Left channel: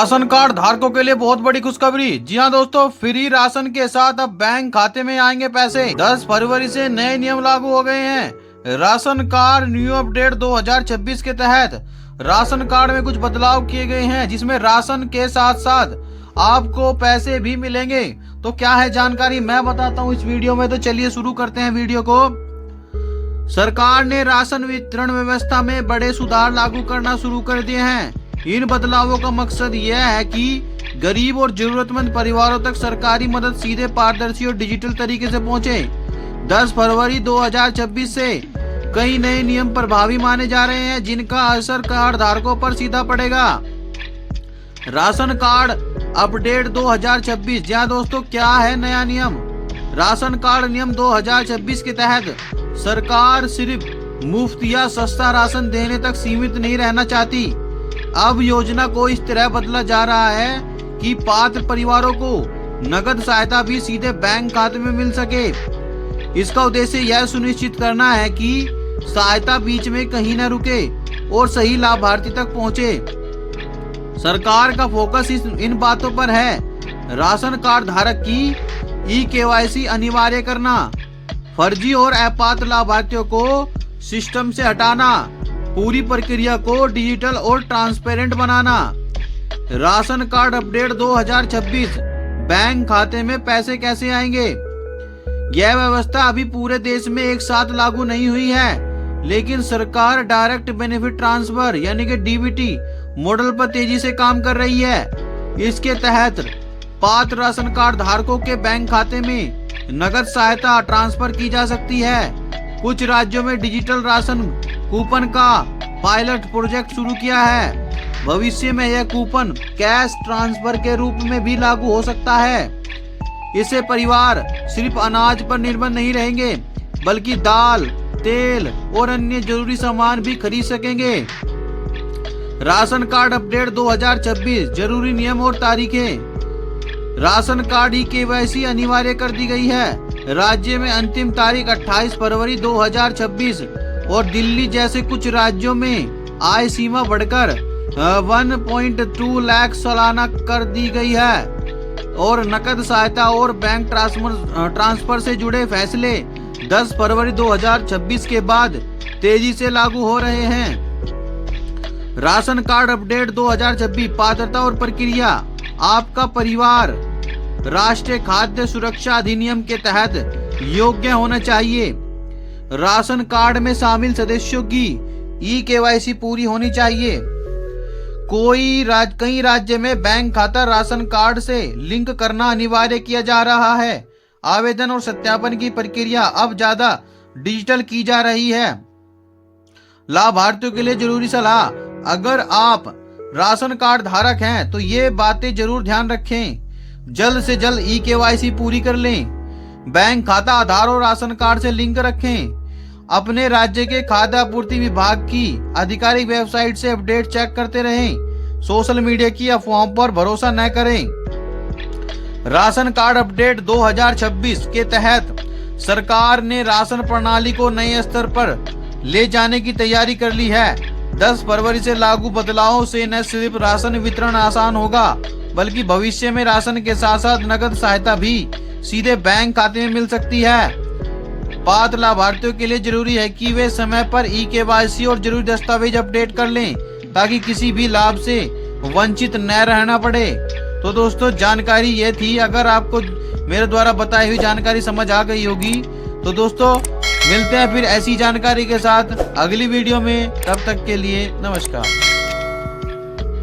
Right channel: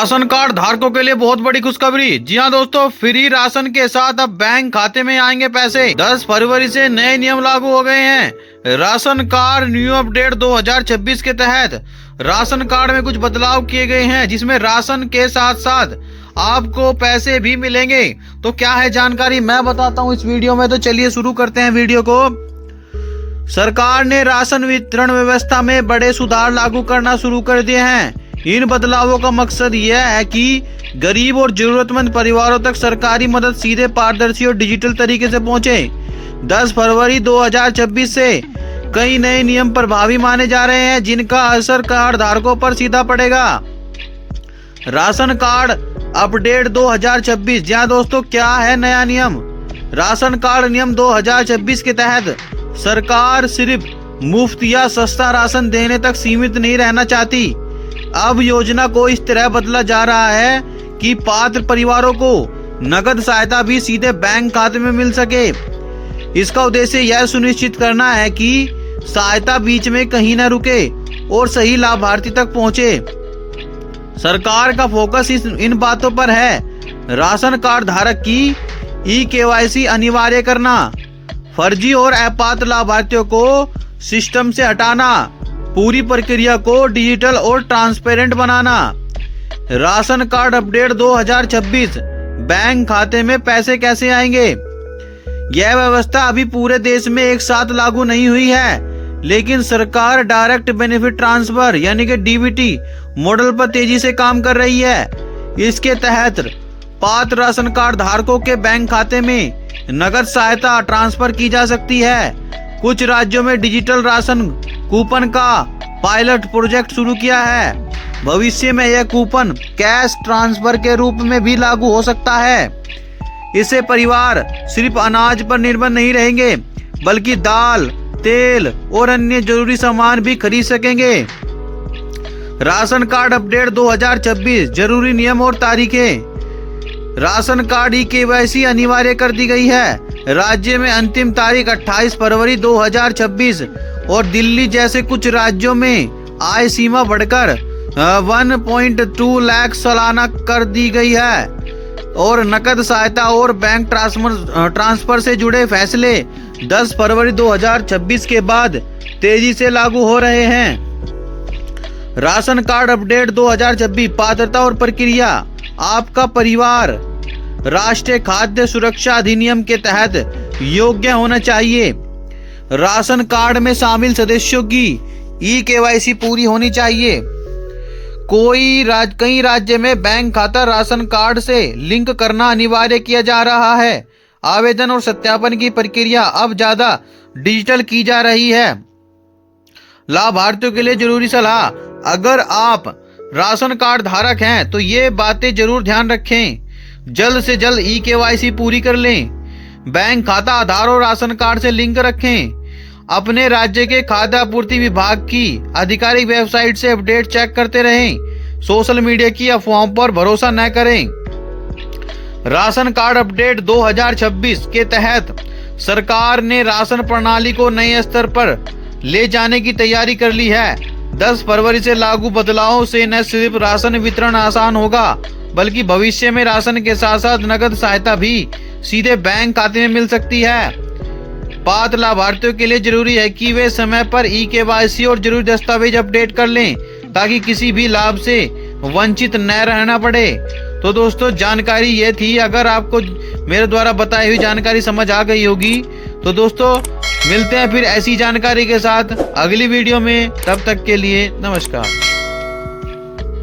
Ration card धारकों के लिए बहुत बड़ी खुशखबरी। जी हाँ दोस्तों, फ्री राशन के साथ अब बैंक खाते में आएंगे पैसे। 10 फरवरी से नए नियम लागू हो गए हैं। राशन कार्ड न्यू अपडेट 2026 के तहत राशन कार्ड में कुछ बदलाव किए गए हैं, जिसमें राशन के साथ साथ आपको पैसे भी मिलेंगे। तो क्या है जानकारी, मैं बताता हूँ इस वीडियो में। तो चलिए शुरू करते हैं वीडियो को। सरकार ने राशन वितरण व्यवस्था में बड़े सुधार लागू करना शुरू कर दिए हैं। इन बदलावों का मकसद यह है कि गरीब और जरूरतमंद परिवारों तक सरकारी मदद सीधे, पारदर्शी और डिजिटल तरीके से पहुंचे। 10 फरवरी 2026 से कई नए नियम प्रभावी माने जा रहे हैं, जिनका असर कार्ड धारकों पर सीधा पड़ेगा। Ration card update 2026। जी हाँ दोस्तों, क्या है नया नियम? राशन कार्ड नियम 2026 के तहत सरकार सिर्फ मुफ्त या सस्ता राशन देने तक सीमित नहीं रहना चाहती। अब योजना को इस तरह बदला जा रहा है कि पात्र परिवारों को नकद सहायता भी सीधे बैंक खाते में मिल सके। इसका उद्देश्य यह सुनिश्चित करना है कि सहायता बीच में कहीं न रुके और सही लाभार्थी तक पहुंचे। सरकार का फोकस इन बातों पर है: राशन कार्ड धारक की ई-केवाईसी अनिवार्य करना, फर्जी और अपात्र लाभार्थियों को सिस्टम से हटाना, पूरी प्रक्रिया को डिजिटल और ट्रांसपेरेंट बनाना। Ration card update 2026। बैंक खाते में पैसे कैसे आएंगे? यह व्यवस्था अभी पूरे देश में एक साथ लागू नहीं हुई है, लेकिन सरकार डायरेक्ट बेनिफिट ट्रांसफर यानी कि डीबीटी मॉडल पर तेजी से काम कर रही है। इसके तहत पात्र राशन कार्ड धारकों के बैंक खाते में नगद सहायता ट्रांसफर की जा सकती है। कुछ राज्यों में डिजिटल राशन कूपन का पायलट प्रोजेक्ट शुरू किया है। भविष्य में यह कूपन कैश ट्रांसफर के रूप में भी लागू हो सकता है। इससे परिवार सिर्फ अनाज पर निर्भर नहीं रहेंगे, बल्कि दाल, तेल और अन्य जरूरी सामान भी खरीद सकेंगे। Ration card update 2026। जरूरी नियम और तारीखें। राशन कार्ड ई-केवाईसी अनिवार्य कर दी गई है। राज्य में अंतिम तारीख 28 फरवरी 2026 और दिल्ली जैसे कुछ राज्यों में आय सीमा बढ़कर 1.2 लाख सालाना कर दी गई है और नकद सहायता और बैंक ट्रांसफर से जुड़े फैसले 10 फरवरी 2026 के बाद तेजी से लागू हो रहे हैं। Ration card update 2026। पात्रता और प्रक्रिया। आपका परिवार राष्ट्रीय खाद्य सुरक्षा अधिनियम के तहत योग्य होना चाहिए। राशन कार्ड में शामिल सदस्यों की ई-केवाईसी पूरी होनी चाहिए। कई राज्य में बैंक खाता राशन कार्ड से लिंक करना अनिवार्य किया जा रहा है। आवेदन और सत्यापन की प्रक्रिया अब ज्यादा डिजिटल की जा रही है। लाभार्थियों के लिए जरूरी सलाह। अगर आप राशन कार्ड धारक हैं तो ये बातें जरूर ध्यान रखें। जल्द से जल्द ई-केवाईसी पूरी कर लें। बैंक खाता आधार और राशन कार्ड से लिंक रखें। अपने राज्य के खाद्य आपूर्ति विभाग की आधिकारिक वेबसाइट से अपडेट चेक करते रहें। सोशल मीडिया की अफवाहों पर भरोसा न करें। राशन कार्ड अपडेट 2026 के तहत सरकार ने राशन प्रणाली को नए स्तर पर ले जाने की तैयारी कर ली है। 10 फरवरी से लागू बदलावों से न सिर्फ राशन वितरण आसान होगा, बल्कि भविष्य में राशन के साथ साथ नगद सहायता भी सीधे बैंक खाते में मिल सकती है। पात्र लाभार्थियों के लिए जरूरी है कि वे समय पर ई-केवाईसी और जरूरी दस्तावेज अपडेट कर लें, ताकि किसी भी लाभ से वंचित न रहना पड़े। तो दोस्तों, जानकारी ये थी। अगर आपको मेरे द्वारा बताई हुई जानकारी समझ आ गई होगी तो दोस्तों मिलते हैं फिर ऐसी जानकारी के साथ अगली वीडियो में। तब तक के लिए नमस्कार।